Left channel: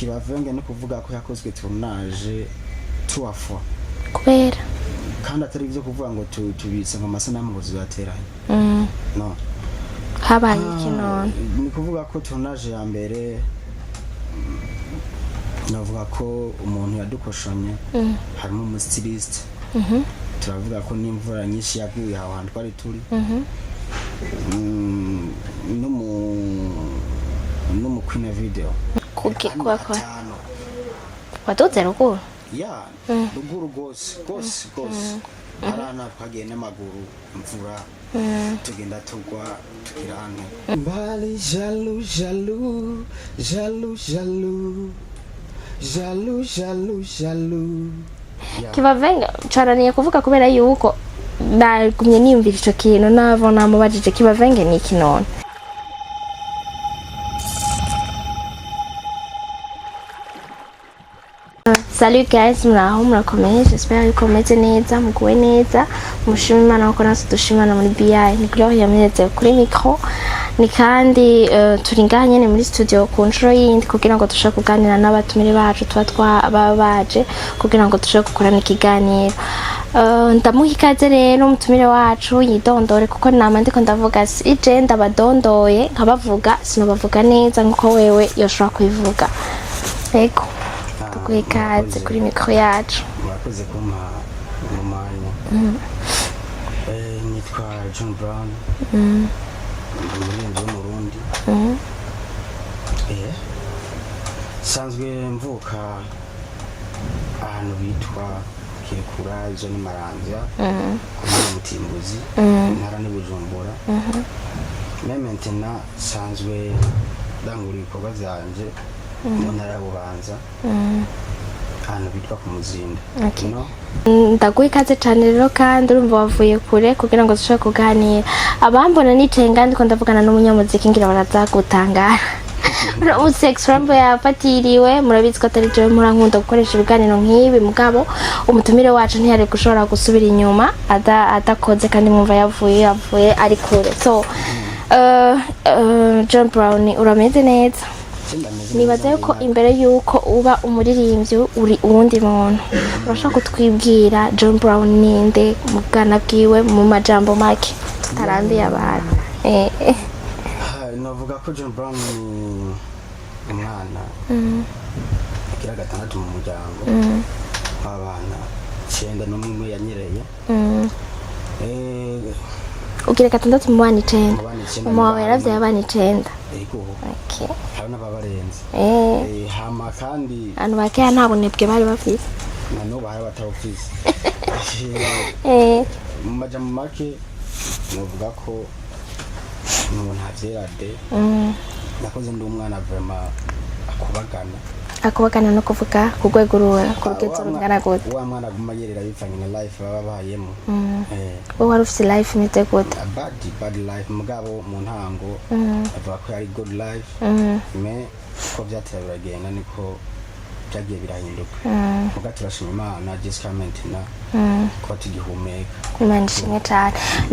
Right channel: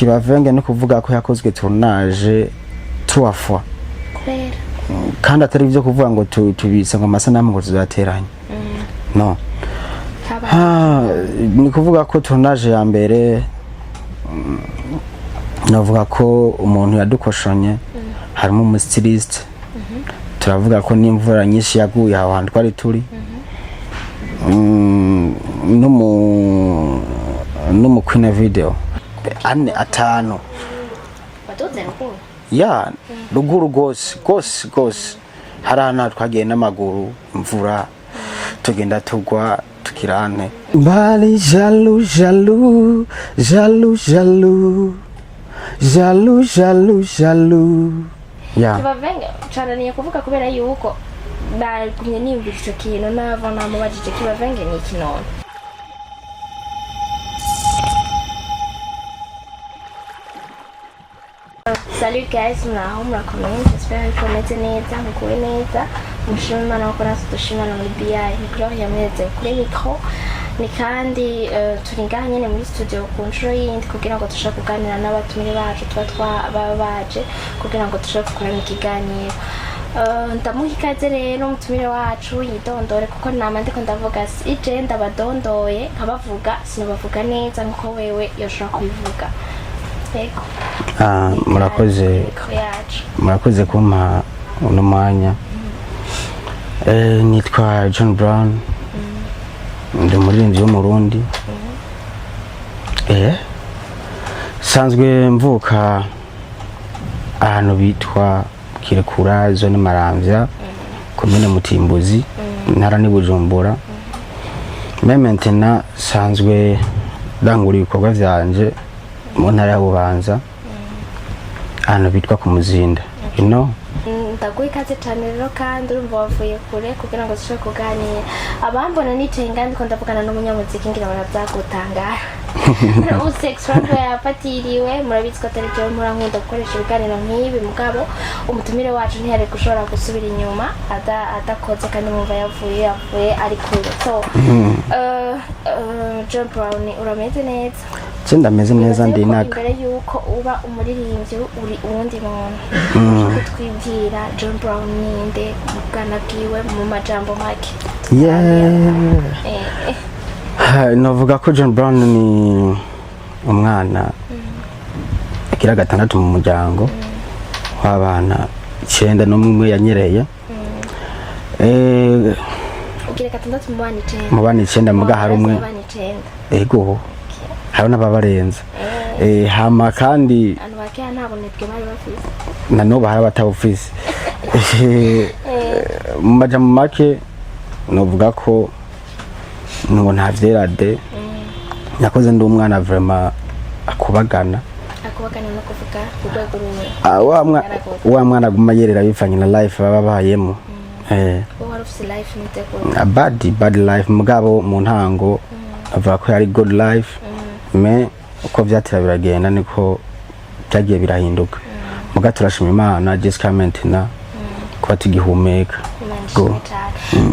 Kibavenge no kuvuga ko yakozwe tournage 3 fois kubera kandi atari byo kuvuga ngo tubisa ngo amasanamu ngo tuzateranye no ni kuvuga ko tournage ya mbere navuga ko umuntu yadukoshonye harimo umustiliste turavuga ko n'imvura nyinshi yaguye aho hantu twari turi no Queen video ane atanu wadoze ruguru ya ruguru gose harana twagiye n'amaguru imvura tugenda tugwa tukirane bali jaloux ya Kibavenge caraniye kuvuga kubera yuko nagumye niyumvira ico kintu navo namubajije Kibavenge ni iki none Salut guys, muraho murakomeye, j'espère yuko meze neza, muguwe neza, mushima Imana ko natwe dushimana muri BI, ni Gloire yameze kuri micro, ni kandi turi ngaha nyene muri studio ku nshuro yindi kugira ngo dushobore kuganira n'abatumire bacu tuba baje kugira ngo dushobore gukorana ikiganiro. Ndamuha ikaze rero umutumire wacu yidondore kuko nama ndiko ndavuga si je ndabadondoye nkabavuga sinobavuga neza nkuko wewe yoshobora kubivuga. Yego. Murakoze kumpa uno mwanya nitwa John Brown ndi umuririmbyi w'umurundi sanzwe mvuka ahantu bitwa Kirekura zone Maramvya komune Mutimbuzi ntara ni Bujumbura maintenant sanzwe ndangura ibikorwa vyanje mu ntara ya Bubanza ahantu bitwa ku Muzinda ino ndaguha ikaze cyane rero kandi urumva wavuye kure kugira ngo dushobore kuganira abambona nicaye ngandi ko ndavugana n'umunyamuziki ngira barazagutangara sex rap yafatiriwe murabizi ko atari je murankunda gukoresha ibiganiro nk'ibi mugabo umutumire wacu ntiyari gushobora gusubira inyuma adakoze kandi mwumva yavuye ari kure so John Brown urameze neza ndameze neza ndinaka imbere yuko uba umuririmbyi uri uwundi muntu urashaka kutwibwira John Brown ninde mugana bwiwe mu majambo make tutarambiye abantu navuga ko John Brown ni umwana agira gatandatu mu muryango w'abana 9 n'umwe yanyereye ugira gatandatu mu bana 9 muga harumwe abana 9 ego haruna babarenza hama kandi anu bakaya ntabwo nebwe bari bafise nano bahara batawufise mu majambo make novuga ko ngo ntavyerade nakoze ndi umwana vraiment akubagana no kuvuga ku rwego ruwe wa mwana aguma yerera bivanye na life baba bayemo wari ufise life nite gute bad life mugabo mu ntango avuga ko yari good life me uko vyatira biragenda niko byagiye birahinduka muga turashima Imana Jessica Mentina kuba tugihumeka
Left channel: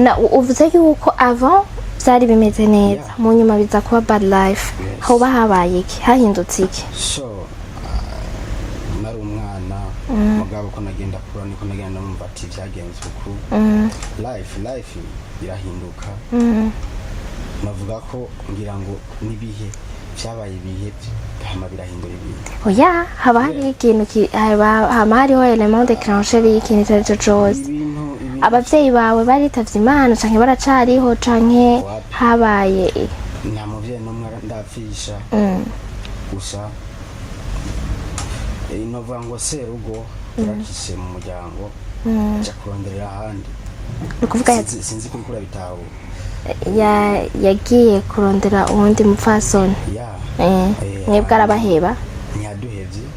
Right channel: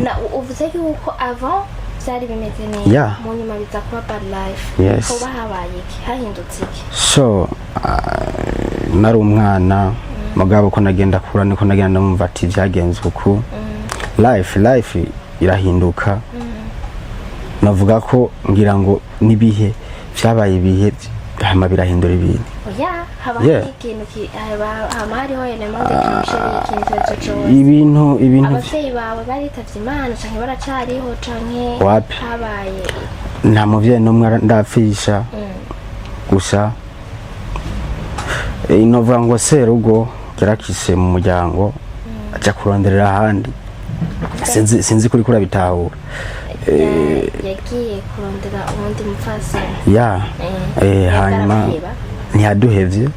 na uvuze yuko avant byari bimeze neza mu nyuma biza kuba bad life ho bahabaye iki hahindutse iki so nari umwana mugabo ko nagenda kura niko nagenda numva ati byagenze uko life irahinduka navuga ko ngira ngo nibihe byabaye ibihe hama birahindura ibintu oya haba ikintu hama hariho element de crancher ikintu cyose ibintu abavyeyi bawe baritavye Imana canke baracariho canke habaye nta muvyeyi n'umwe ndapfisha gusa inovuga ngo serugo yarakise mu muryango aja kuronderera ahandi sinzi kuri kura bitahura yagiye kurondera uwundi mupfasoni yarabaheba ntiyaduhevye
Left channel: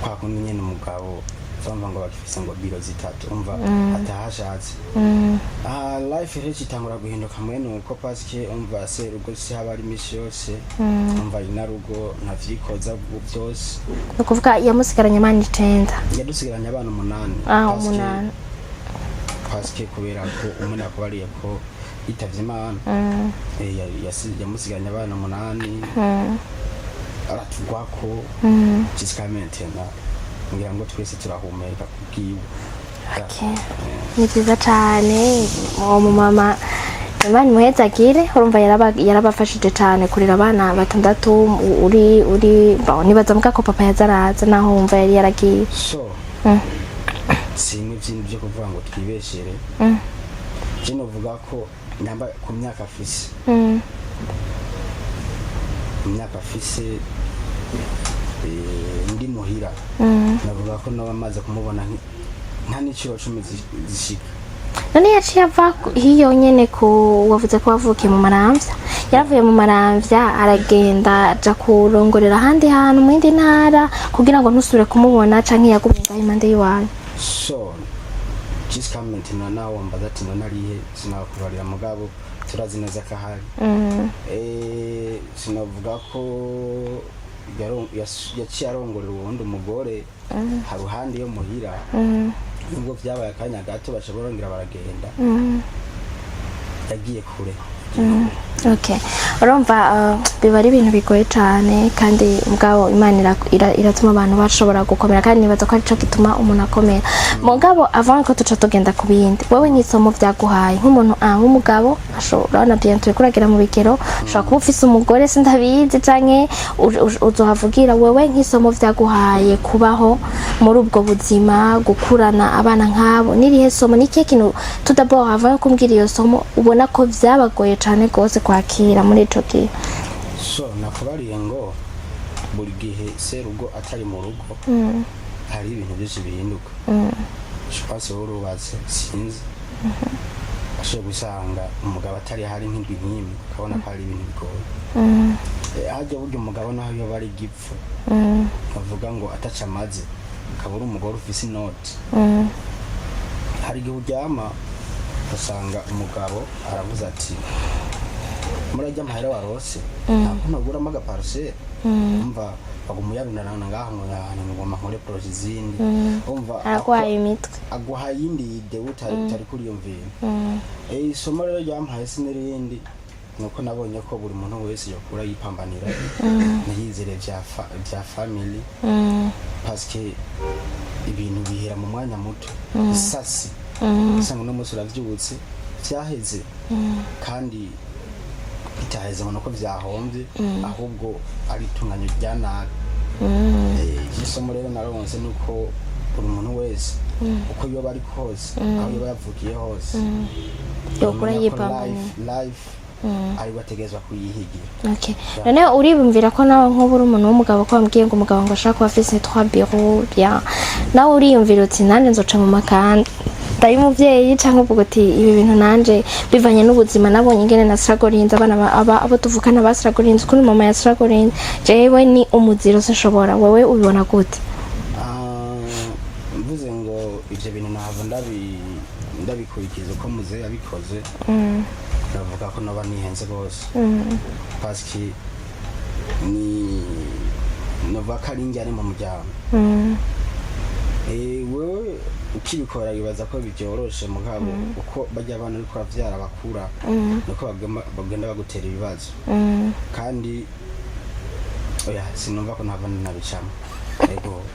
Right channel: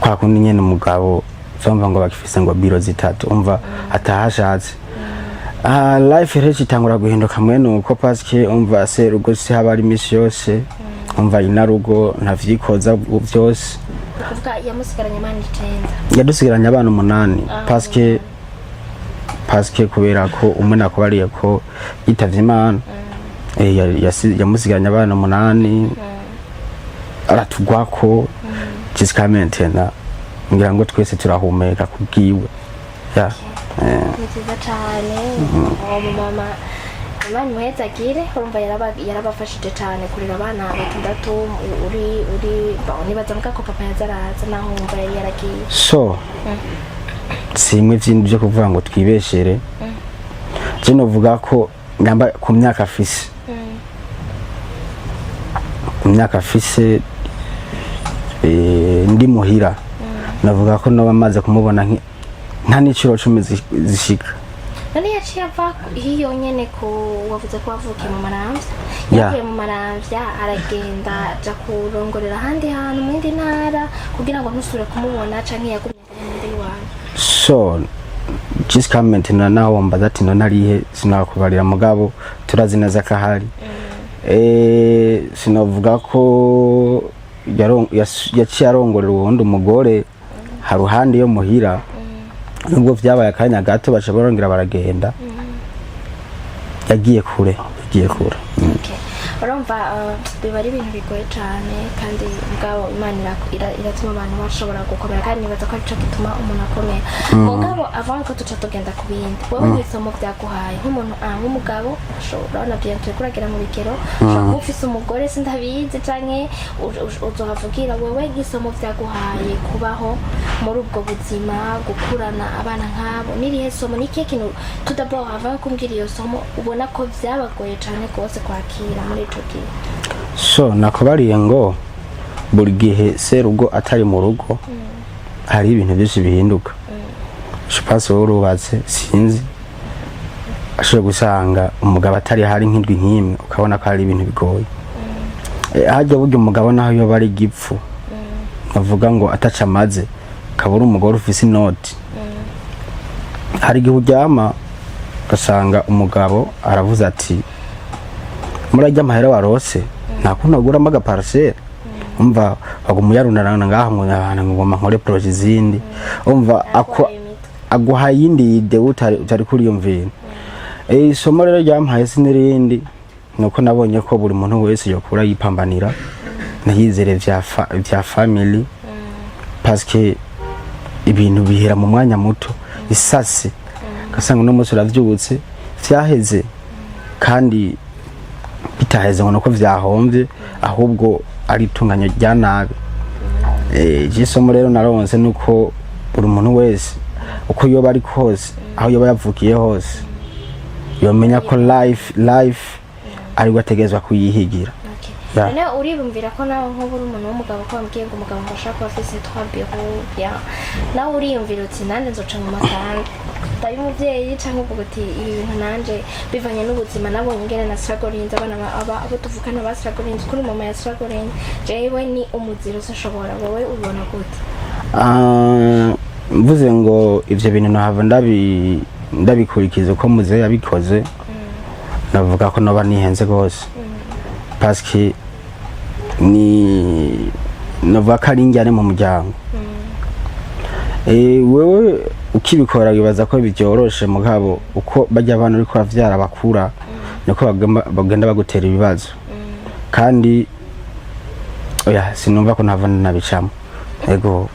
kwa kundi nyene umugabo somva ngo bakifise ngo biro zitatu umva atahashatse life rero itangura guhinduka mwene uko paske umva serugo si haba ari imisi yose umva inarugo ntavyikoza byose ukuvuga yamusigaranye amana 9 yadusigaranye abana 8 paske kubera ko umwe nakubariye ko yitavye Imana yamusigaranye abana 8 aratugwako jusqu'à maintenant ngira ngo twese turahumeka kubwiwe ni byiza cyane uwo mumama Imana imuhezagire urumva yarabafashije cyane kurera abana batandatu uri nibaza muka ko papa yazaraza naho wumva yari yaragiye so simwe byindi byo kuvuga ngo twibeshere je novuga ko ngamba ku myaka afise ndi muhira navuga ko no bamaze kumubona nta n'iciro 10 zishika none yaciye ava hiyo nyene ko wavuze ko wavukiye mu Maramvya yavuye mu Maramvya aragenda aja kurongorera ahandi hantu mu yindi ntara kugira ngo ntusubire kumubona canke yagumye impande yiwawe so jusqu'à maintenant naho mbaza ati no narihe sinakubarira mugabo turazi neza ko ahari sinavuga ko yaciye arongorera uwundi umugore haruhande yo muhira nubwo vyabaye akanya gato baca barongera baragenda yagiye kure okay urumva biba ari ibintu bigoye cyane kandi mugabo Imana iratuma abantu bashobora gukomera kandi nibaza ko arico gituma umuntu akomera mugabo avant ko tuca tugenda ku bindi wewe n'isomo vyaguhaye nk'umuntu nk'umugabo ashobora na bientôt kuragira mu bigero ashobora kuba ufise umugore sindabizi canke uzohavugira wewe nk'isomo vyaguhaye kubaho muri ubwo buzima gukurana abana nk'abo nirihe somo niki kintu tudabo avant kumbwira iyo somo ubona ko vyabagoye cyane gose kwakira muri ico gihe so nakubariye ngo buri gihe serugo atari mu rugo hari ibintu byinshi bihinduka shipase urubatse sinzi ashobora gusanga umugabo atari hari nk'indwi nk'imwe ukabona ko hari ibintu bigoye hajya burya umugabo naho yoba ari gipfu bavuga ngo ataca amaze kabura umugore ufise inoti hari igihe uryama ugasanga umugabo aravuze ati murajya amahera warose nakuntu aguramo agaparcelle umva bagumuyarunarana ngaha ngo ngoma nkore projet zindi umva aguha yindi ide utari kuri iyo mvino isomo rero ryampaye sinirindi nuko nabonye ko buri muntu wese yokura yipambanira nahizere vya family parce que ibintu bihera mu mwanya muto isasi kasanga no musi uravyutse vyaheze kandi bitaheze ngo vyahomvye ahubwo ari tunganyo rya nabi isomo rero naronse nuko buri muntu wese uko yoba ari kose aho yoba yavukiye hose yomenya ko life ari wategezwa kuyihigira none uribumvira ko nawe nk'uburi umuntu w'umugabo ko wambwiye ngo umugabo ngo ashaka kuba afise 3 bureaux bien nawe uriyumvira uti nanje nzoca mu makanda ndayi umuvyeyi canke uvuga uti ibi bintu nanje bivanye n'ubuzima nabonye ingene na struggling abana abo tuvukana ba struggling kuri mama ya struggling jewe ni umuziro sinshobora wewe ubibona gute mvuze ngo ivyo bintu nahava ndabikurikiza ko muze yabikoze navuga ko noba nihenze gose parce que ni navuga ko ari injyane mu muryango wewe ukibikora wibaza ko byoroshe mugabo uko bajya abantu ariko bavyara bakura niko bagenda bagutera ibibazo kandi oya sinumva ko nava nabicamo ego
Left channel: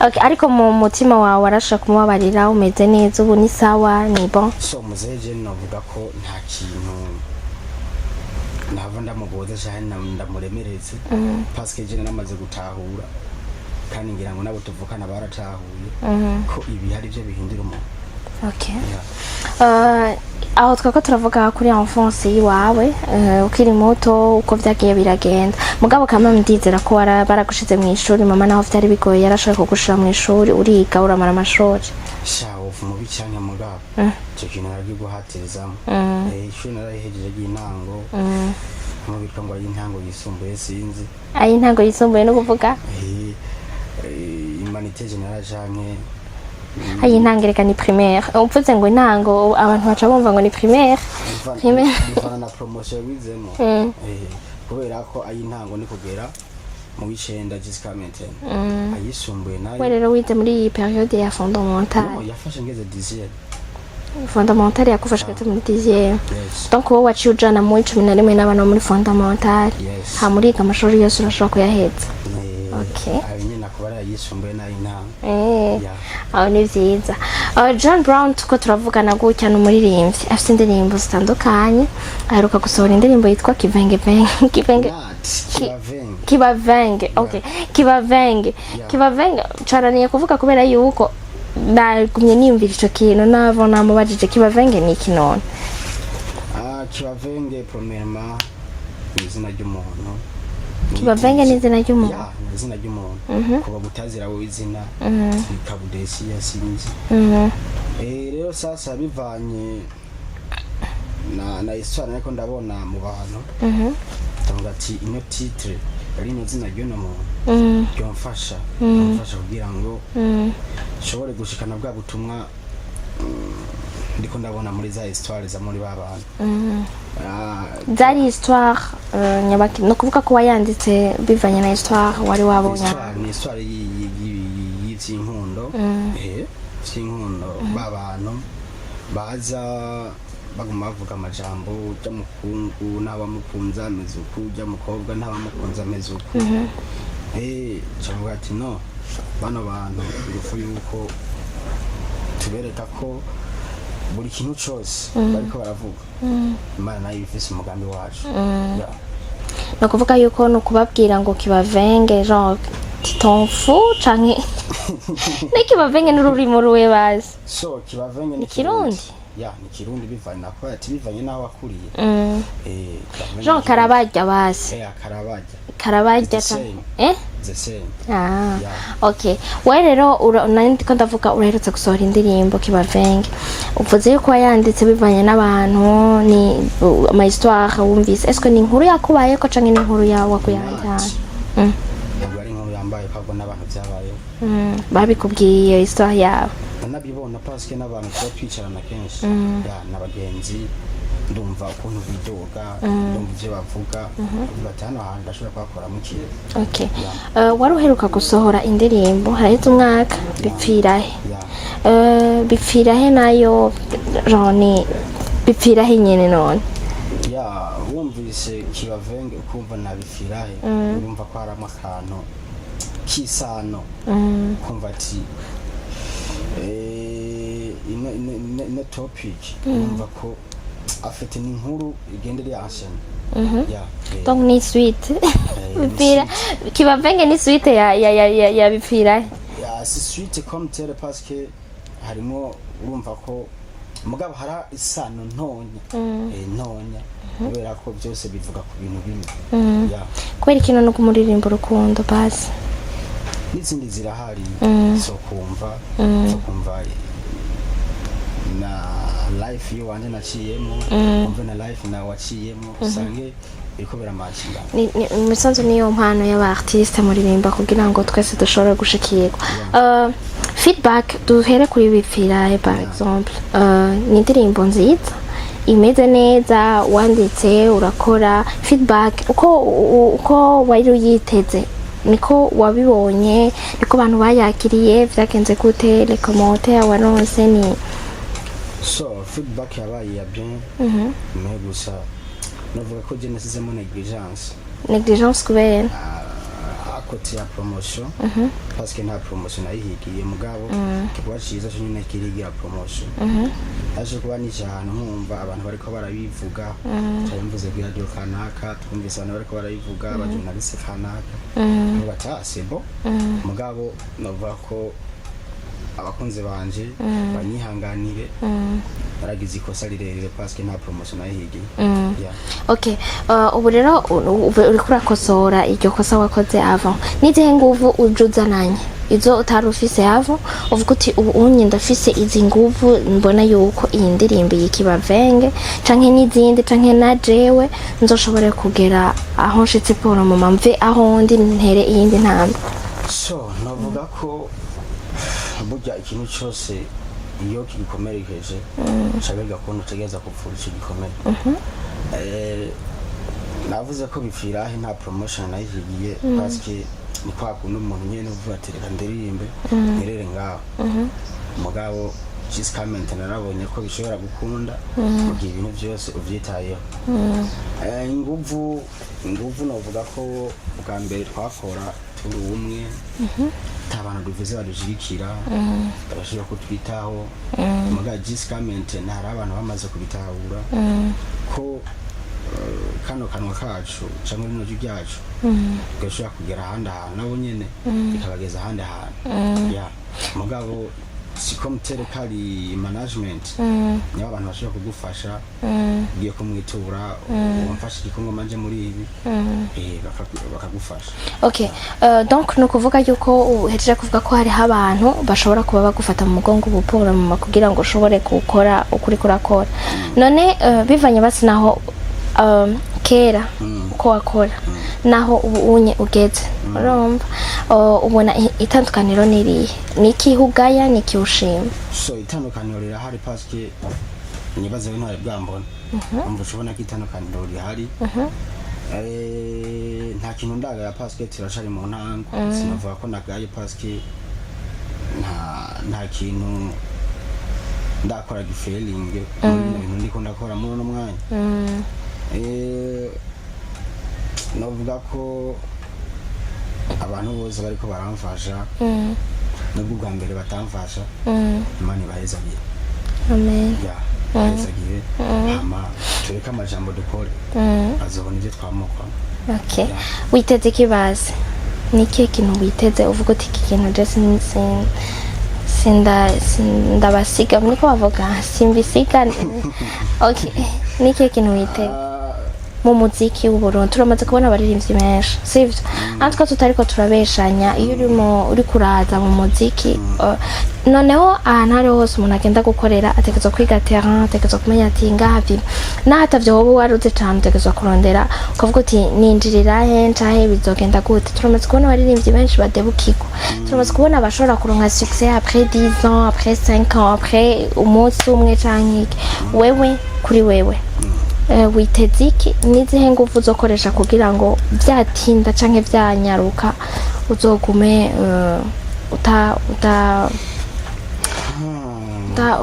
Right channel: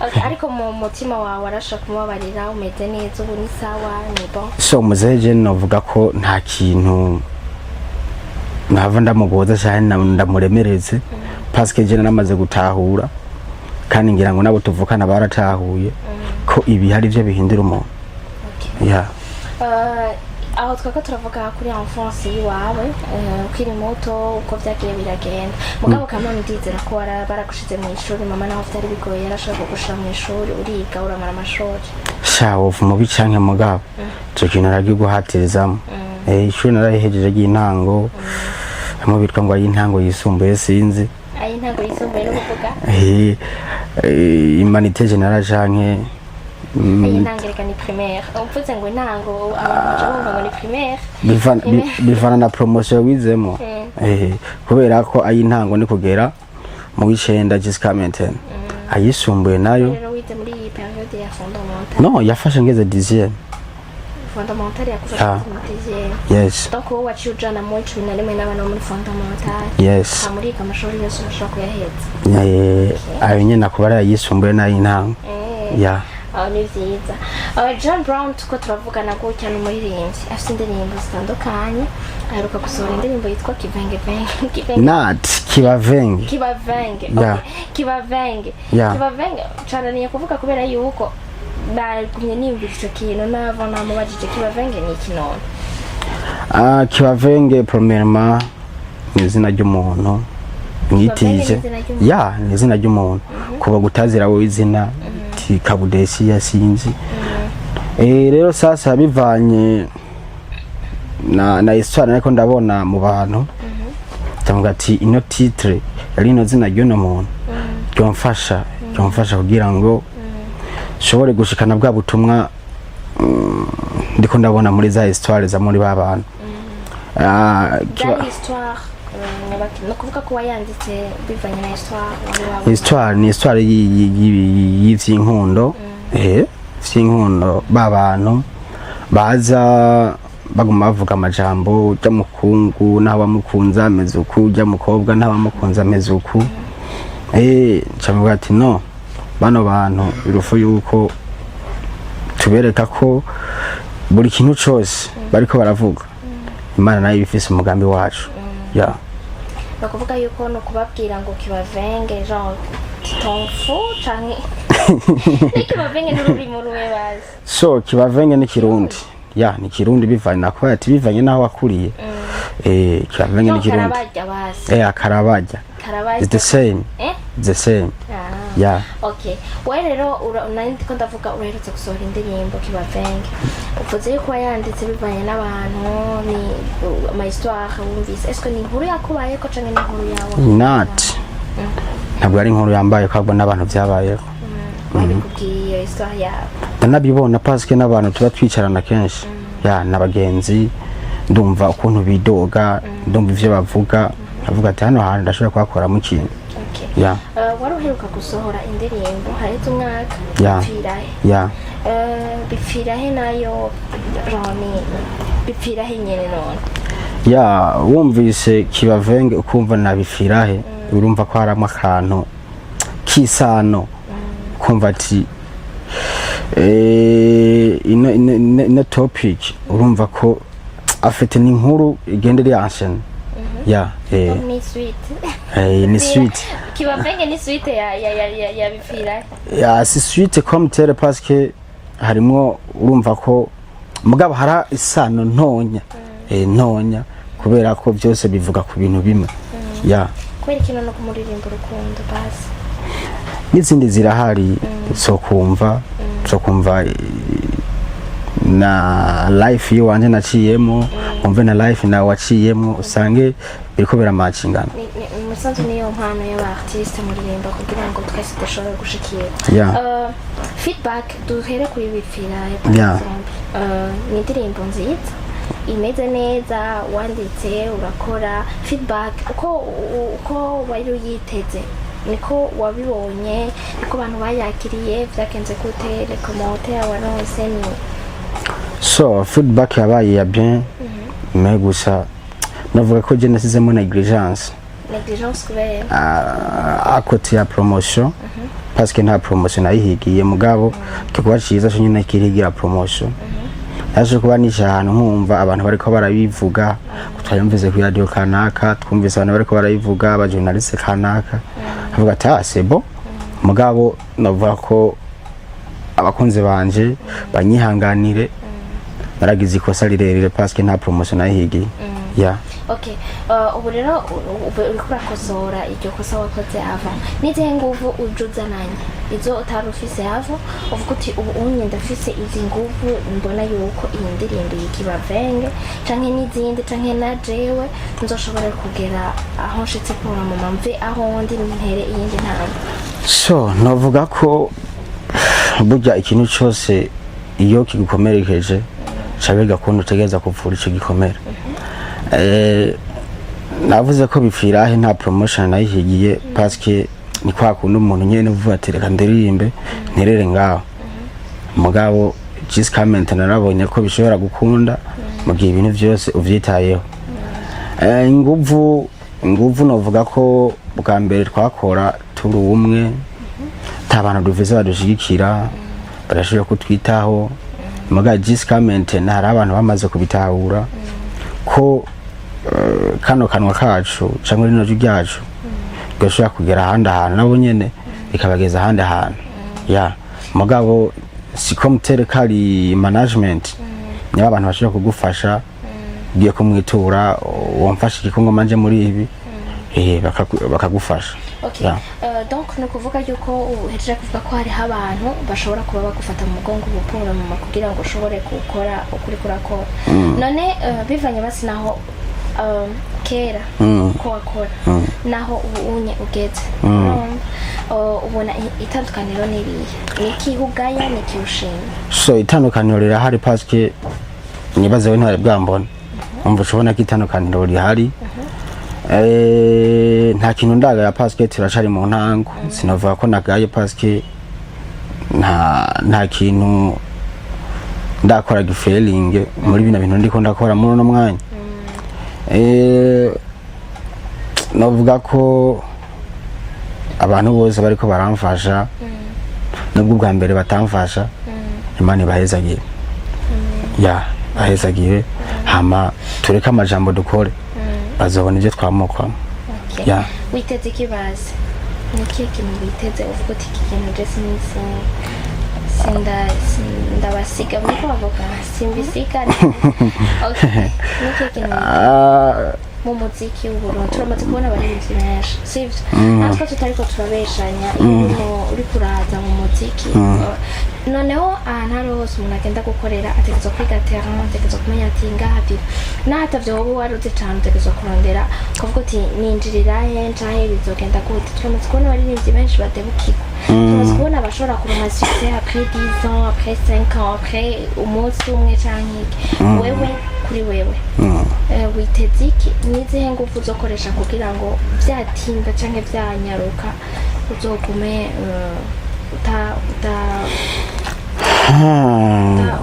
okay ariko mu mutima wawe warasha kumubabarira umeze neza ubu ni sawa ni bon so muzeje novuga ko nta kintu nava ndamugoza cyane ndamuremereze parce que je namaze gutahura kandi ngira ngo nabo tuvukana baratahuye ko ibi hari byo bihindira umuntu okay yeah aho twako turavuga kuri enfance yiwawe ukiri muto uko vyagiye biragenda mugabo kamwe ndizera ko baragushize mu ishuri mama naho vyari bigoye yarashaka kugushira mu ishuri uriga uramara amashuri shawo mu bicanke mugabo cyo kintu ragiguhatirizamo ishuri narahejeje y'intango mu bitwa ngo y'intango yisumbuye sinzi ayintango yisumbuye no kuvuga humanité générale canke ayintangereka ni primaire upfuze ngo intango abantu baca bumva ngo ni primaire bivana na promotion wizemo kubera ko ayintango ni kugera mu wicenda jusqu'à maintenant ayisumbuye nayo rero wize muri iyi periode ya fondamentale no yafashe ngeze 10e fondamentale yakufasha muri dixième. Yes. Donc wowe waciye ujana mu 11 n'abana muri fondamentale. Yes. Hamuriga amashuri yose urashobora kuyaheza. Ayo nyene nakubara yisumbuye n'ayintango. Yeah. Aho ni vyiza. John Brown tuko turavugana gutya n'umuririmbyi afite indirimbo zitandukanye aheruka gusohora indirimbo yitwa Kivenge Kibavenge. Okay. Kibavenge caraniye kuvuga kubera yuko nagumye niyumvira ico kintu navo namubajije Kibavenge ni iki none? Kibavenge premièrement ni izina ry'umuntu. Kibavenge ni izina ry'umuntu. Ya, ni izina ry'umuntu. Kuba gutazira wowe izina Kabudesi yasinzi. Rero sasa bivanye na histoire ariko ndabona mu bantu. Ndavuga ati ino titre yari ino zina ry'uno muntu. Byomfasha kugira ngo shobore gushikana bwa butumwa ndiko ndabona muri za histoire za muri babantu. Za histoire nyabaki no kuvuga ko wayanditse bivanye na histoire wari wabona. Histoire ni histoire y'ivy'inkundo. Vy'inkundo babantu baza baguma bavuga amajambo y'umukungu n'abamukunza ameze uku y'umukobwa n'abamukunza ameze uku. Cyangwa ati no bano bantu birufu yuko tubereka ko buri kintu cyose bariko baravuga Imana nayo ifise umugambi wacu. Yeah. No kuvuga yuko no kubabwira ngo Kibavenge genre titonfu canke ni Kibavenge n'ururimo ruwe bazi. So Kibavenge ni Kirundi. Ya ni Kirundi bivanye nako ati bivanye naho wakuriye. Kibavenge ni Kirundi. Karabajya basi. Karabajya. It's the same. The same. Yeah. Okay. Wewe rero nandi ko ndavuga uraherutse gusohora indirimbo Kibavenge. Uvuze yuko yanditse bivanye n'abantu ni ama histoire wumvise. Est-ce que ni inkuru yakubaye ko canke ni inkuru yawe? Not. Ntabwo ari inkuru yambaye kwabwo n'abantu byabayeho. Babikubwiye histoire yabo. Ndanabibona parce que n'abantu tuba twicarana kenshi. Ya nabagenzi ndumva ukuntu bidoga ndumva ivyo bavuga avuga ati hano hantu ndashobora kwakora mu kintu. Okay. Wari uheruka gusohora indirimbo haraheze umwaka bipfirahe. Bipfirahe nayo Roni bipfirahe nyene none. Wumvise Kibavenge ukumva na bipfirahe urumva ko haramo akantu kisano kumva ati ino topic urumva ko afite n'inkuru igendere yansene. Donc ni suite. Ni suite. Kibavenge ni suite ya bipfirahe. Si suite comme tel parce que harimo urumva ko mugabo hara isano ntonya. Ntonya kubera ko byose bivuga ku bintu bimwe. Kweri kino no kumuririmba urukundo basi. N'izindi zirahari so kumva na life yo wanje naciyemo umve na life na waciyemo usange biriko biramatchingana. Ni musanzu niyo mpano y'aba artiste muririmba kugira ngo twese dushobore gushikirwa. Feedback duhere kuri bipfirahe par exemple. Ni indirimbo nziza imeze neza wanditse urakora feedback uko wari uyiteze niko wabibonye niko abantu bayakiriye vyakenze gute les commentaires waronse ni so feedback yabaye ya bien mais gusa navuga ko je nasizemo negligence kubera à côté ya promotion parce que nta promotion nayihigiye mugabo kikuba ciza cyo nyine kirigira promotion yaje kuba n'ijana nkumva abantu bariko barabivuga twayumvize ku radio kanaka twumvise abantu bariko barabivuga aba journaliste kanaka avuga ati c'est bon mugabo navuga ko abakunze banje banyihanganire baragize ikosa rirerire parce que nta promotion nayihigiye. Okay. Ubu rero uri kurakosora iryo kosa wakoze avant nizihe nguvu ujuzananye izo utarufise avant uvuga uti unye ndafise izi nguvu mbona yuko iyi ndirimbo y'Ikibavenge canke n'izindi canke na jewe nzoshobora kugera aho nshitse pora mu mamve aho ndi ntere iyindi ntambwe. So novuga ko burya ikintu cyose iyo kigukomerekeje cabega kuntu tegeza kuvura ico gikomere. Navuze ko bipfirahe nta promotion nayihigiye parce que ni kwa kuntu umuntu nyene uvuga ati reka ndirimbe nterere ngaho mugabo just comment narabonye ko bishobora gukunda mu gihe ibintu byose uvyitayeho. Inguvu novuga ko bwa mbere twakora turi umwe tabantu duvize badushigikira barashobora kutwitaho muga just comment nari abantu bamaze kubitahura ko kano kanwa kacu cyangwa rino ryacu gashobora kugera ahandi ahantu nabo nyene ikabageza ahandi ahantu ya mugabo siko muterekari management niba abantu bashobora kugufasha ugiye kumwitura wamfasha igikongo manje muri ibi bakagufasha. Okay. Donc no kuvuga yuko uhejeje kuvuga ko hari abantu bashobora kuba bagufata mu mugongo bupura mu kugira ngo ushobore gukora ukuri kurakora. None bivanye basi naho kera ko wakora naho unye ugeze urumva ubona itandukaniro niriye niki hugaya niki ushima? So itandukaniro rirahari paske nibaze we ntari bwambona umva ushobona ko itandukaniro rihari nta kintu ndagaya paske turacari mu ntango sinavuga ko nagaye paske nta kintu ndakora gifailing muri bino bintu ndiko ndakora muri no mwanya. Navuga ko abantu bose bariko baramfasha nubwo bwa mbere batamfasha Imana ibahezagire. Amen. Ya bahezagire hama tureka amajambo dukore bazobona ibyo twamukwamo. Okay. Witeze kibazi niki kintu witeze uvuga uti iki kintu dress ndabasiga niko bavuga simbisiga. Okay. Niki kintu witeze mu muziki w'Uburundi turamaze kubona abaririmbyi benshi sivyo natwe tutariko turabeshanya iyo uri kuraza mu muziki noneho ahantu hari hose umuntu agenda gukorera ategerezwa kwiga terrain ategerezwa kumenya ati ngahavyo n'atavyo wowe waruze cane ategerezwa kurondera ukavuga uti ninjirira hencahe bizogenda gute. Turamaze kubona abaririmbyi benshi badebukirwa turamaze kubona abashobora kuronka succès après 10 ans après 5 ans après umunsi umwe canke iki wewe kuri wewe witeze iki nizihe nguvu uzokoresha kugira ngo vyatinda canke vyanyaruka uzogume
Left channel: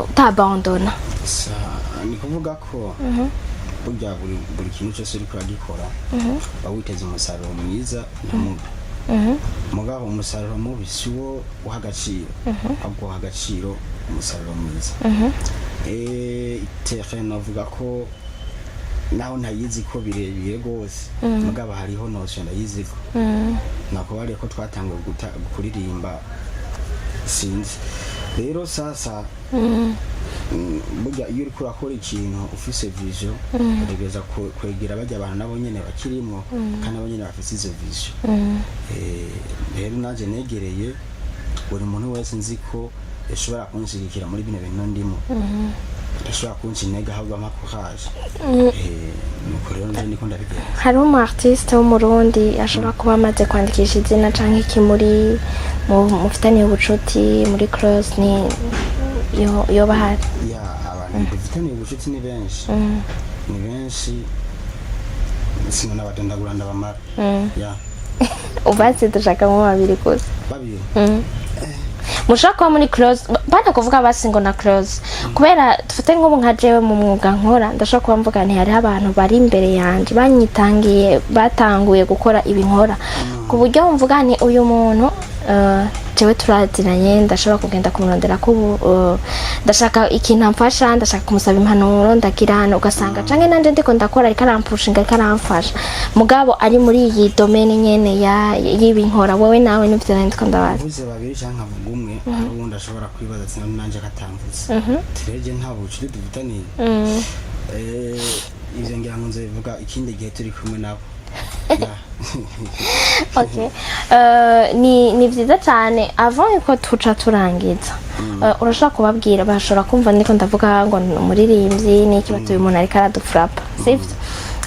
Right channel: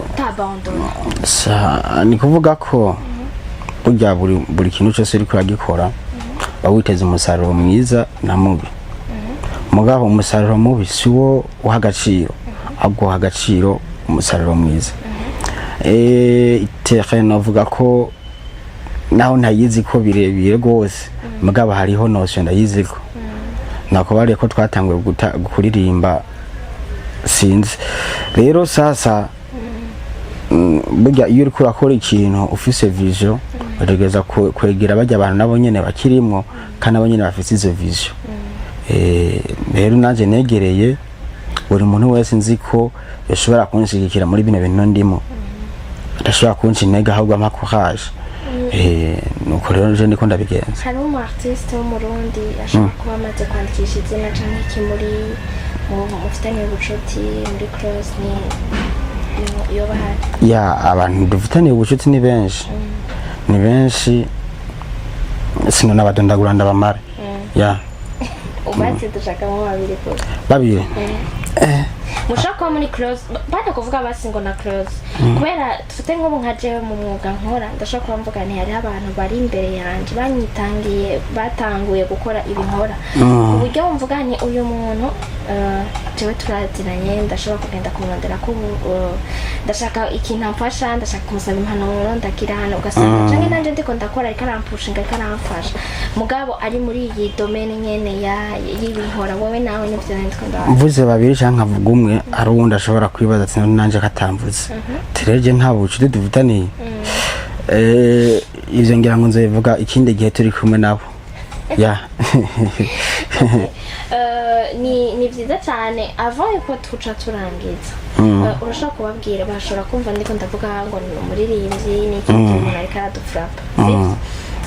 utabandona? Ni kuvuga ko burya buri kintu cyose uri kuragikora bawiteze umusaruro mwiza na mubi mugabo umusaruro mubi siwo uha agaciro ahubwo uha agaciro umusaruro mwiza. Terrain navuga ko naho ntayizi ko birebire gose mugabo hariho notion ndayizi ko nako bari ko twatanguye kuririmba sinzi rero sasa burya iyo uri kurakora ikintu ufise vision utegeza kwegera bajya abantu nabo nyene bakirimwo kandi abo nyene bafise izo vision. Rero nanje negereye buri muntu wese nzi ko yashobora kunshigikira muri bino bintu ndimo adashobora kunshintega ahubwo amakuhaje. Nuko rero je ndiko ndabigenza. Hari umu artiste wo mu Burundi ashobora kuba amaze kwandikisha izina canke iki muri mufitaniye ubucuti muri Cross ni yo bahari? Ya abantu dufitaniye ubucuti ni benshi ni benshi sino nabadondagura ndabamara. Ya ubatse dushaka mu babiri kose babiri mushaka muri Cross bana kuvuga basi ngo na Cross kubera dufite nk'ubu nka jewe mu mwuga nkora ndashaka kuba mvuga nti hari abantu bari imbere yanje banyitangiye batanguye gukora ibinkora ku buryo mvuga ni uyu muntu jewe turaziranye ndashobora kugenda kumurondera ko ndashaka ikintu amfasha ndashaka kumusaba impanuro ndakirana ugasanga canke nanje ndiko ndakora ariko arampushinga ariko aramfasha mugabo ari muri iyi domaine nyene y'ibinkora wowe nawe n'ivyo ndiko ndabaza mvuze babiri canke avuga umwe ari uwundi ashobora kwibaza ati nanje katamvuze tereje nta bucuti dufitaniye ivyo ngira ngo nzobivuga ikindi gihe turi kumwe nabo. Ya Okay. Ni vyiza cyane avant yuko tuca turangiza urashaka kubabwira bashobora kumva ndiko ndavuga ngo umuririmbyi ni ikintu umuntu ariko aradufrapa sivyo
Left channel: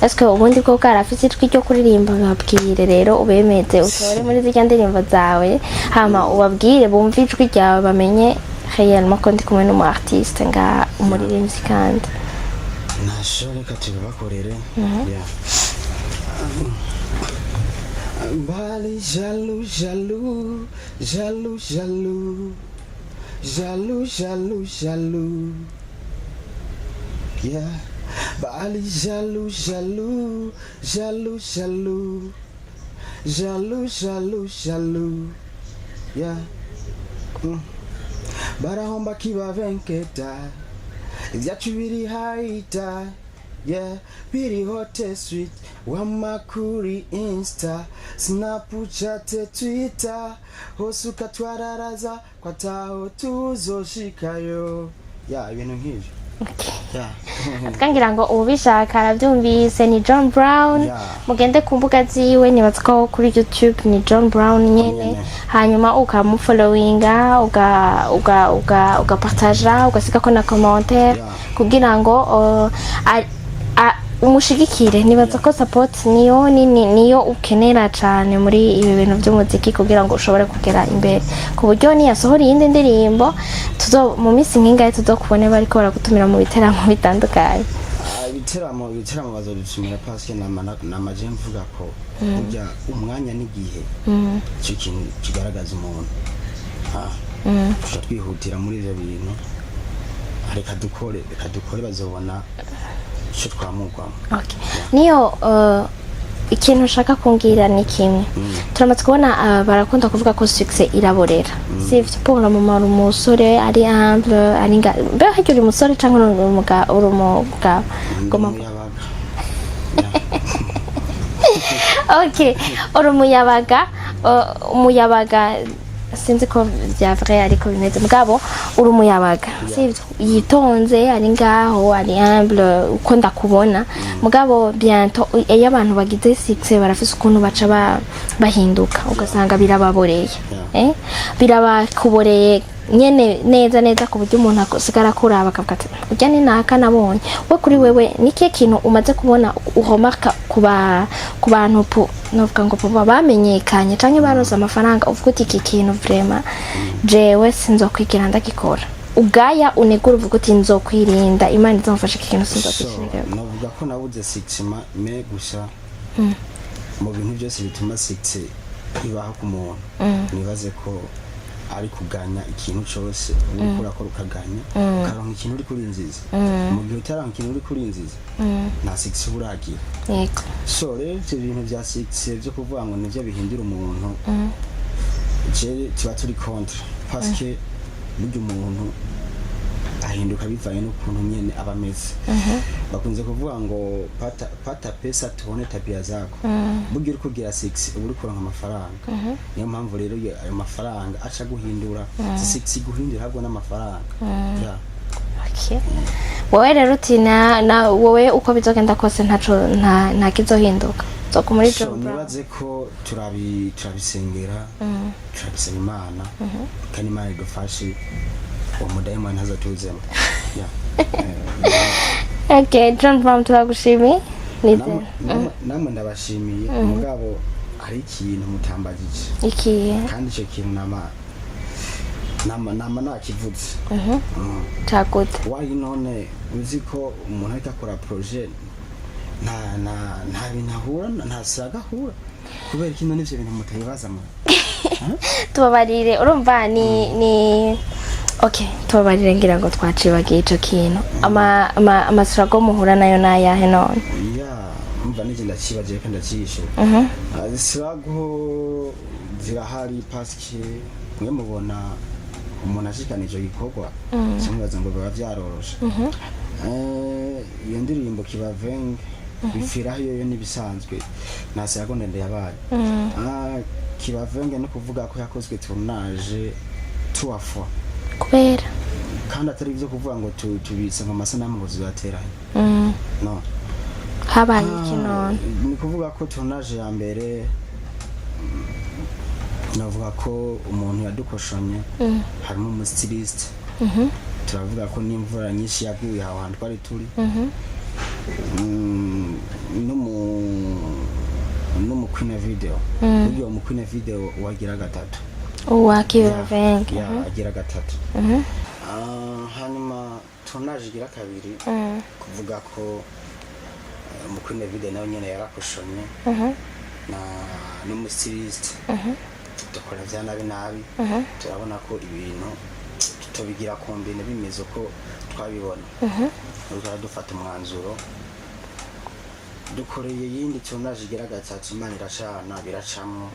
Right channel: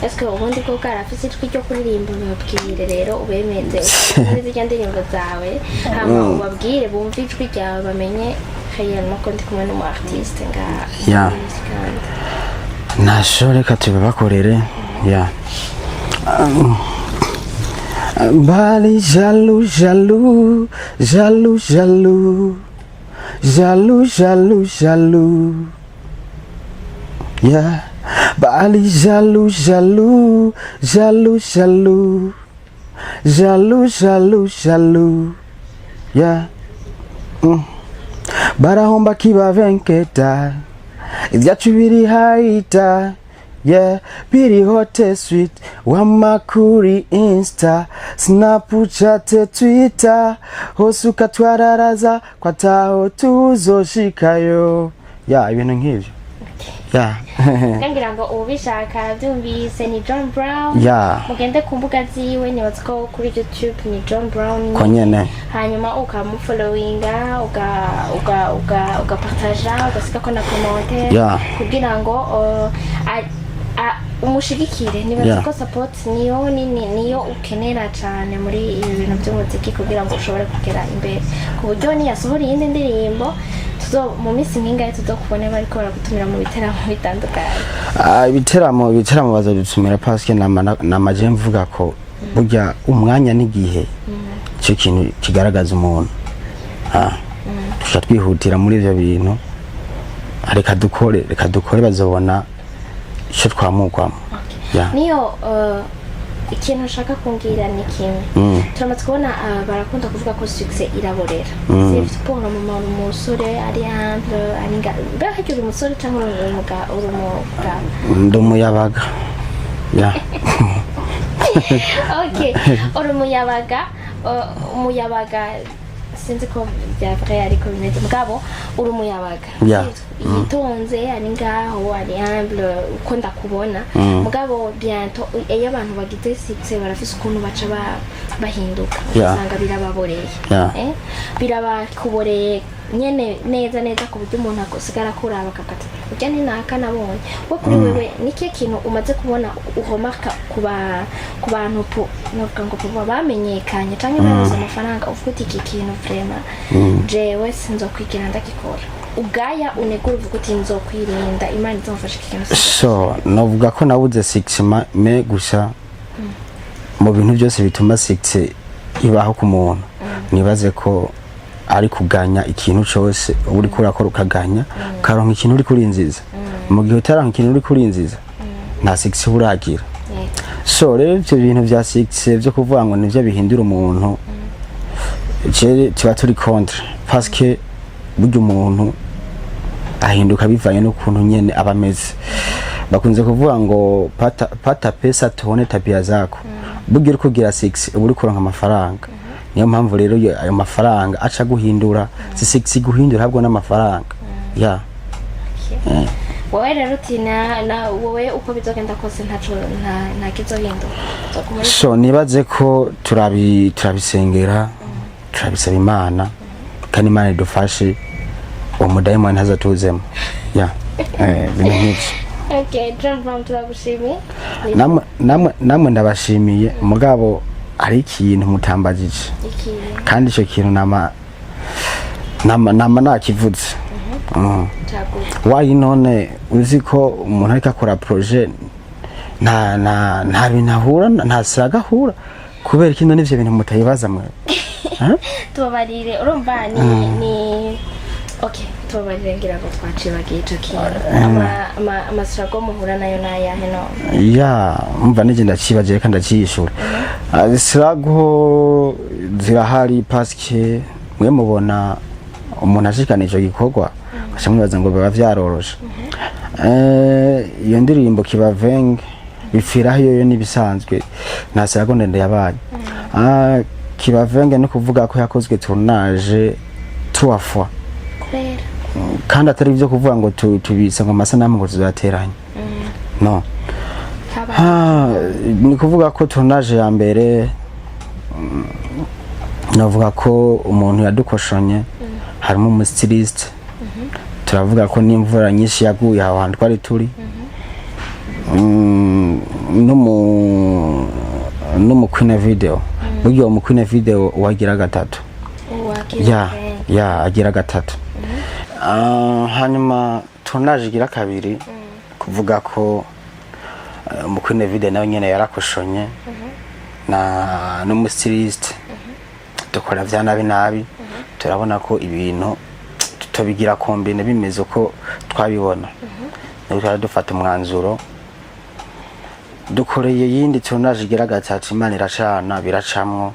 est-ce que ubundi ko karafise ijwi ryo kuririmba babwire rero ubemeze ukore muri zirya ndirimbo zawe hama ubabwire bumve ijwi ryawe bamenye réellement ko ndi kumwe n'umu artiste nga umuririmbyi kandi nashobora reka tubibakorere. Ya Bali jaloux, jaloux, jaloux, jaloux. jaloux, jaloux, jaloux. Yeah, bali jaloux, jaloux, jaloux, jaloux, jaloux, jaloux, jaloux. Yeah. Barahomba kiba venketa, ibyacu biri haita. Yeah, biri hote sweet, wamakuri insta, Snapchat, Twitter, hosuka twararaza kwa taho tuzoshikayo. Yeah, ibintu nk'ivyo. Yeah. Kangira ngo ubishaka arabyumvise ni John Brown. Yeah. Mugende ku mbuga ziwe nibaza ko kuri YouTube ni John Brown nyine. Hanyuma ukamufollowinga, ugapartager, ugasiga ko na commentaire kugira ngo umushigikire nibaza ko support niyo ukenera cyane muri ibi bintu by'umuziki kugira ngo ushobore kugera imbere ku buryo ni yasohora iyindi ndirimbo mu minsi nk'ingahe tuzokubone bariko baragutumira mu biteramo bitandukanye. Ibiteramo bazodutumira parce que namaje mvuga ko burya umwanya n'igihe cyo kintu kigaragaza umuntu twihutira muri ivyo bintu reka dukore bazobona icyo twamugwamo. Niyo ikintu ushaka kungira ni kimwe turamaze kubona barakunda kuvuga ko success iraborera sivyo pour umusore ari humble ari mbe hajuri umusore cyangwa urumuga ndumuyabaga. Okay, umuyabaga sinzi ko bya vrai ariko bimeze mugabo urumuyabaga yitonze ari ngaho ari humble uko ndakubona mugabo bientôt iyo abantu bagize success barafise ukuntu baca bahinduka ugasanga birababoreye birabakuboreye nyene neza ku buryo umuntu akosigara kuraba akavuga ati ujya ni naka nabonye we kuri wewe niki kintu umaze kubona uhomarka ku bantu novuga ngo bamenyekanye canke baroza amafaranga uvuga uti iki kintu vraiment jewe sinzokwigira ndagikora ugaya unegura uvuga uti nzokwirinda Imana izomfasha iki kintu so novuga ko nabuze 6 me gusa mu bintu byose bituma 6 ibaho ku muntu nibaze ko ari kuganya ikintu cyose uri kurakora ukaganya ukaronka ikintu uri kurinziza mu gihe utaranka ikintu uri kurinziza nta 6 uragira. So rero ibyo bintu bya 6 byo kuvuga ngo nivyo bihindura umuntu kiba turi contre parce que burya umuntu ahinduka bivanye n'ukuntu nyene abameze. Bakunze kuvuga ngo pata pesa tuone tabia zako. Burya uri kugira 6 uri kuronka amafaranga. Niyo mpamvu rero ayo mafaranga aca guhindura si 6 guhindura habwo n'amafaranga. Yeah. Okay. Wowe rero utina wowe uko bizogenda kose nta kizohinduka. So nibaze ko turabisengera turabisaba Imana kandi Imana idufashe umudayimoni ntazatuzemo. Yeah. Okay, John Brown turagushimiye. Namwe ndabashimiye mugabo ari ikintu mutambagije. Kandi icyo kintu nama nakivuze. Cyagute. Why none uzi ko umuntu ariko akora projet nta binahura nta sagahura kubera kino nivyo bintu mutayibaza mwe. Tubabarire urumva ni okay tubabarire ngira ngo twacibagiye ico kintu amasirago muhura nayo nayahe none ya umva nije ndacibagiye kandi ndaciyishura isirago zirahari parce que mwe mubona umuntu ashikanije gikorwa bashamwibaza ngo baba vyaroroshe iyo ndirimbo kibavenge bifiraho yo nibisanzwe nta sirago ndende yabaye kibavenge no kuvuga ko yakozwe tournage 3 fois kubera kandi atari byo kuvuga ngo tubisa ngo amasanamu ngo tuzateranye no ni kuvuga ko tournage ya mbere navuga ko umuntu yadukoshonye harimo umustiliste turavuga ko n'imvura nyinshi yaguye aho hantu twari turi no mu Queen video buryo mu Queen video wagira gatatu agira gatatu hanyuma tournage igira kabiri kuvuga ko mu Queen video nayo nyene yarakoshonye na n'umustiliste dukora vya nabi turabona ko ibintu tubigira kombine bimeze uko twabibona rero twari dufata umwanzuro dukoreye yindi tournage igira gatatu Imana iracana biracamwo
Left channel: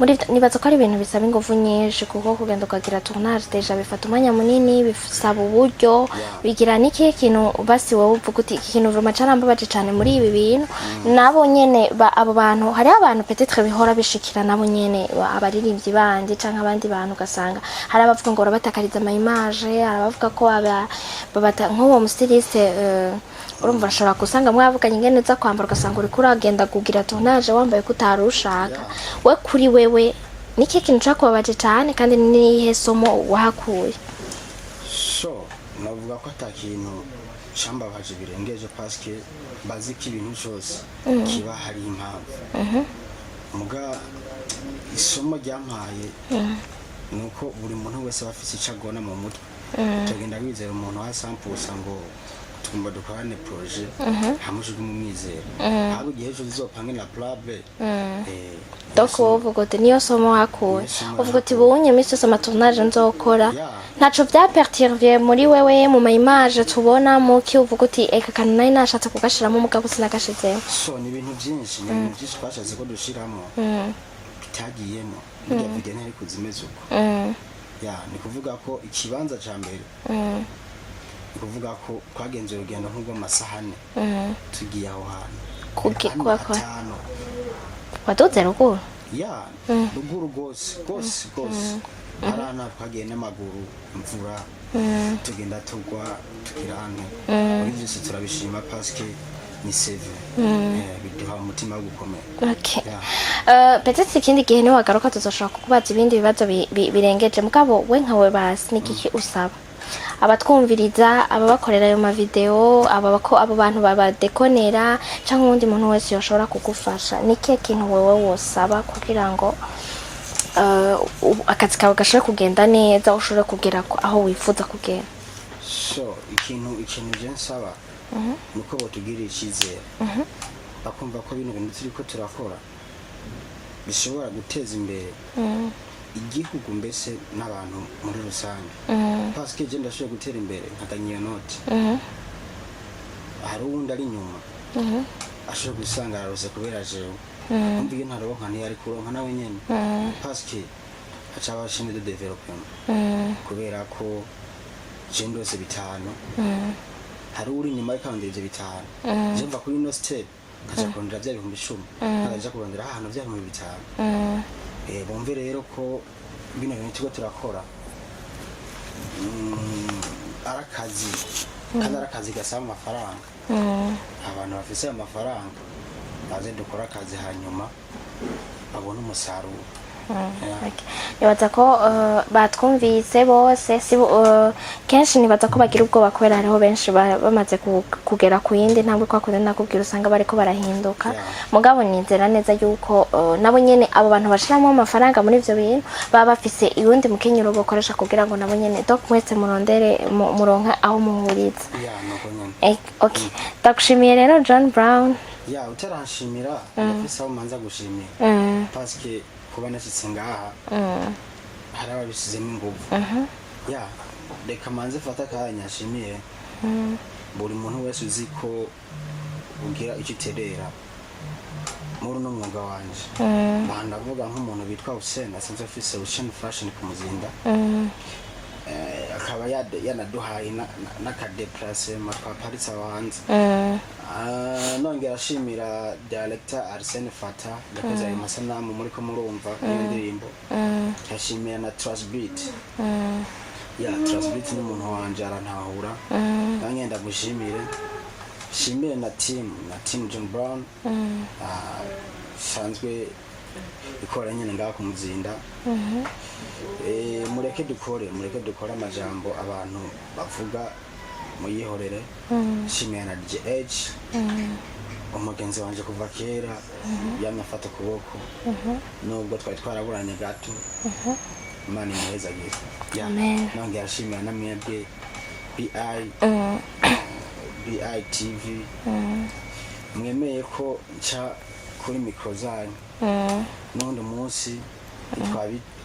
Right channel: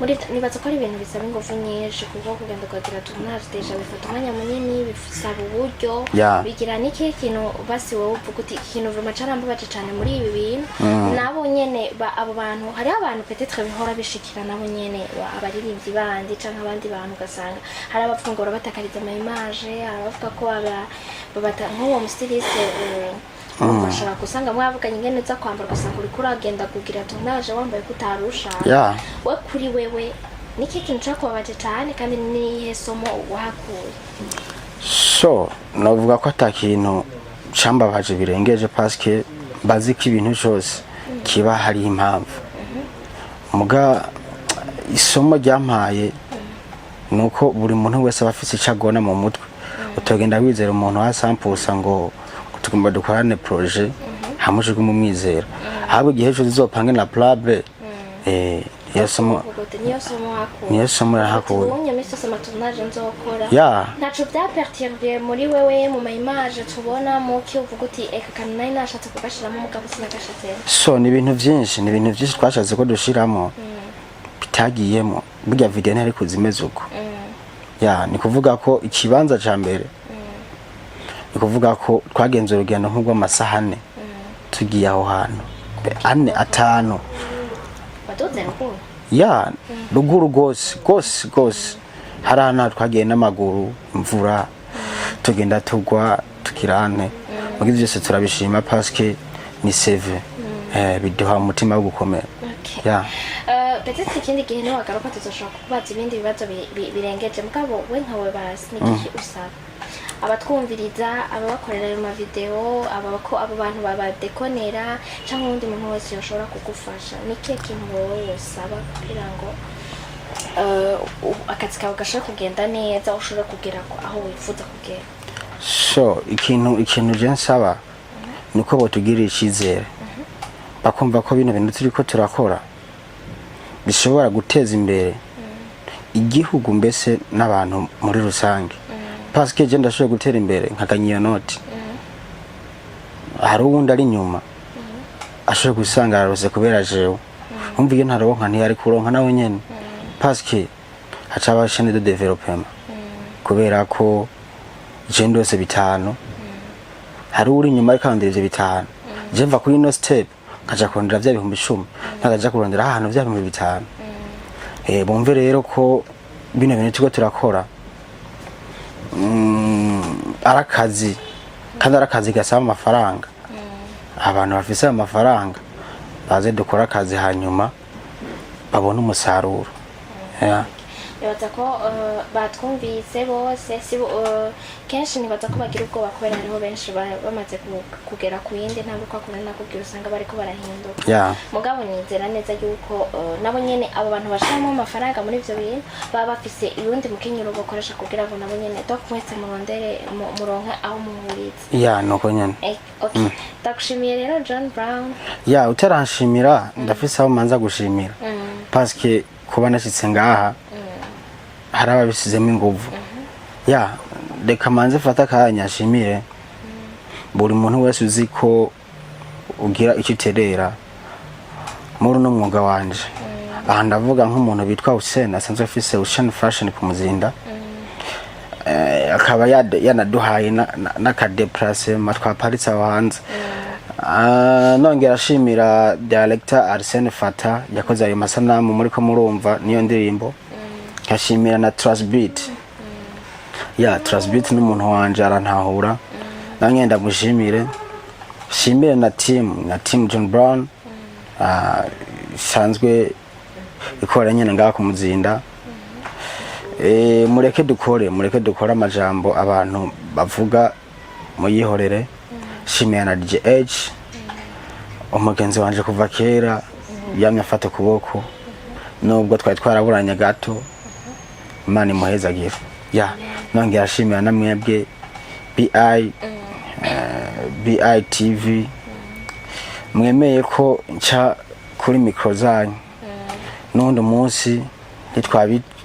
muri nibaza ko ari ibintu bisaba ingufu nyinshi kuko kugenda ukagira tournage deja bifata umwanya munini bisaba uburyo bigira n'ikihe kintu basi wowe uvuga uti ikintu vruma carambabaje cane muri ibi bintu nabo nyene abo bantu hari abantu peut-être bihora bishikira nabo nyene abaririmbyi bandi canke abandi bantu ugasanga hari abavuga ngo batakariza ama image hari abavuga ko babata nk'uwo mustiliste urumva ushobora gusanga mwavuganye ingene uza kwambara ugasanga uriko uragenda kugira tournage wambaye ko utarushaka we kuri wewe niki kintu cakubabaje cane kandi nihe somo wahakuye? So navuga ko atakintu cambabaje birengeje parce que bazi ko ibintu cyose kiba hari impamvu muga isomo ryampaye nuko buri muntu wese aba afise icagona mu mutwe utogenda wizera umuntu wasampusa ngo tugomba dukorane projet hamuje kumumwizera ahubwo igihe cyo zizopange na plable niyo somo hakuye uti bunye misi yose amatournage nzokora ntaco vyaperturbiye muri wewe mu ma image tubona mu ki uvuga uti eka kana nari nashatse kugashiramo umugabo sinagashizeho so ni ibintu byinshi twashatse ko dushiramo bitagiyemo burya video ntari kuzimeza uko ni kuvuga ko ikibanza ca mbere ni kuvuga ko twagenze urugendo nk'urw'amasaha 4 tugiye aho hantu 5 wadoze ruguru ruguru gose hari ahantu twagiye n'amaguru imvura tugenda tugwa tukirane mugize byose turabishima parce que ni save biduha umutima wo gukomera. Peut-être ikindi gihe ni wagaruka tuzoshaka kukubaza ibindi bibazo birengeje mugabo we nkawe basi niki usaba abatwumviriza ababakorera ayo ma video abo bantu babadekonera cyangwa undi muntu wese yoshobora kugufasha niki kintu wewe wosaba kugira ngo akazi kawe gashobora kugenda neza ushobora kugera aho wifuza kugera? So ikintu je nsaba nuko botugirira icyizere bakumva ko bino bintu turiko turakora bishobora guteza imbere igihugu mbese n'abantu muri rusange parce que je ndashoboye gutera imbere nkaganya noti hari uwundi ari nyuma ashoboye gusanga arose kubera jewe umva iyo ntaronka ntiyari kuronka nawe nyene parce que hacaba chaîne de développement kubera ko je ndose bitanu hari uri nyuma y'ikandira ivyo bitanu je mva kuri no step kaja kurondera vya 10,000 nakaja kurondera ahantu vya 5,000 bumve rero ko bino bintu tuko turakora arakazi kandi arakazi gasaba amafaranga abantu bafise amafaranga baze dukora akazi hanyuma babona umusaruro. Nibaza ko batwumvise bose kenshi nibaza ko bagira ubwoba kubera hariho benshi bamaze kugera ku yindi ntabwo kwakora nakubwira usanga bariko barahinduka mugabo nizera neza yuko nabo nyene abo bantu bashiramo amafaranga muri ivyo bintu baba bafise irundi mukenyero bakoresha kugira ngo nabo nyene donc mwese murondere muronka aho muhuriza nuko nyene. Okay ndakushimiye rero John Brown. Utaranshimira ndafise aho manza gushimira parce que kuba nashitse ngaha hari ababisizemo inguvu reka manze fata akanya ashimire buri muntu wese uzi ko ugira icyo uterera muri uno mwuga wanje aha ndavuga nk'umuntu bitwa Hussein asanzwe afise Ocean Fashion ku Muzinda akaba yanaduhaye n'akadeplacement twaparitse aho hanze nongera ashimira director Arsene Fata yakoze ayo masanamu muri ko murumva niyo ndirimbo nkashimira na Trustbeat Trustbeat n'umuntu wanje arantahura nange ndamushimire shimire na team John Brown sanzwe ikora nyene ngaha ku Muzinda mureke dukore amajambo abantu bavuga muyihorere shimira na DH umugenzi wanje kuva kera yamye afata kuboko nubwo twari twaraburanye gato Imana imuhezagira nongera ashimira na mwebwe BI TV mwemeye ko nca kuri micro zanyu n'undi munsi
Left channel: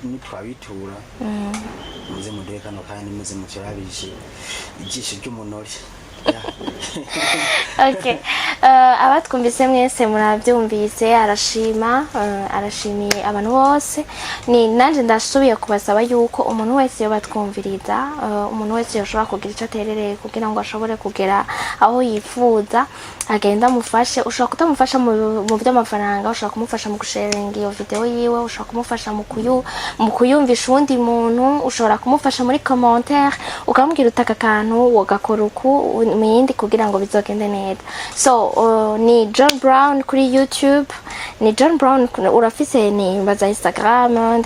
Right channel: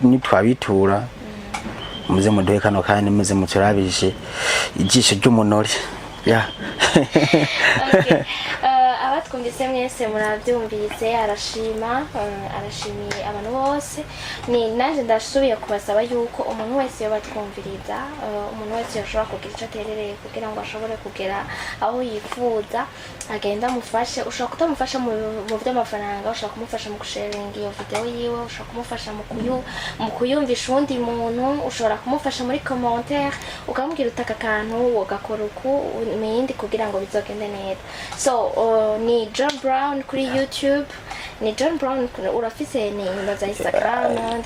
nitwabitura muze muduhe kano kandi muze muturabishe ijisho ry'umunori ya Okay. Abatwumvise mwese murabyumvise arashimiye abantu bose ni nanje ndasubiye kubasaba yuko umuntu wese yobatwumviriza umuntu wese yoshobora kugira icyo aterereye kugira ngo ashobore kugera aho yifuza agenda mufashe ushobora kutamufasha mu by'amafaranga ushobora kumufasha mu gusharinga iyo video yiwe ushobora kumufasha mu kuyumvisha undi muntu ushobora kumufasha muri commentaire ukamubwira utaka kantu wogakora uku mu yindi kugira ngo bizogende neza so ni John Brown kuri YouTube ni John Brown urafise ni baza Instagram and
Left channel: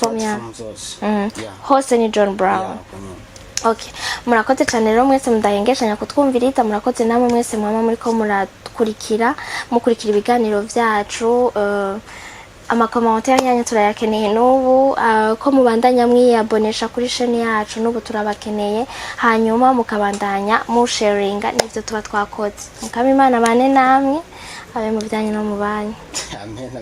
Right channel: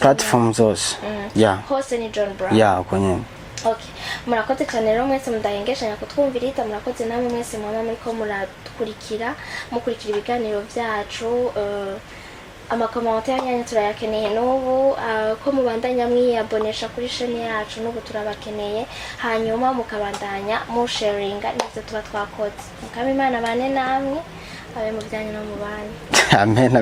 platform zose yeah hose ni John Brown yeah kwenye okay murakoze cyane rero mwese mudahengeshanya kutwumviriza murakoze namwe mwese mwama muri ko mukurikira ibiganiro byacu amakommentaire yanyu turayakeneye n'ubu ko mubandanya mwiyabonesha kuri chaîne yacu n'ubu turabakeneye hanyuma mukabandanya mu sharinga n'ibyo tuba twakoze mukaba Imana bane namwe abe mu bijyanye no mu banyu amen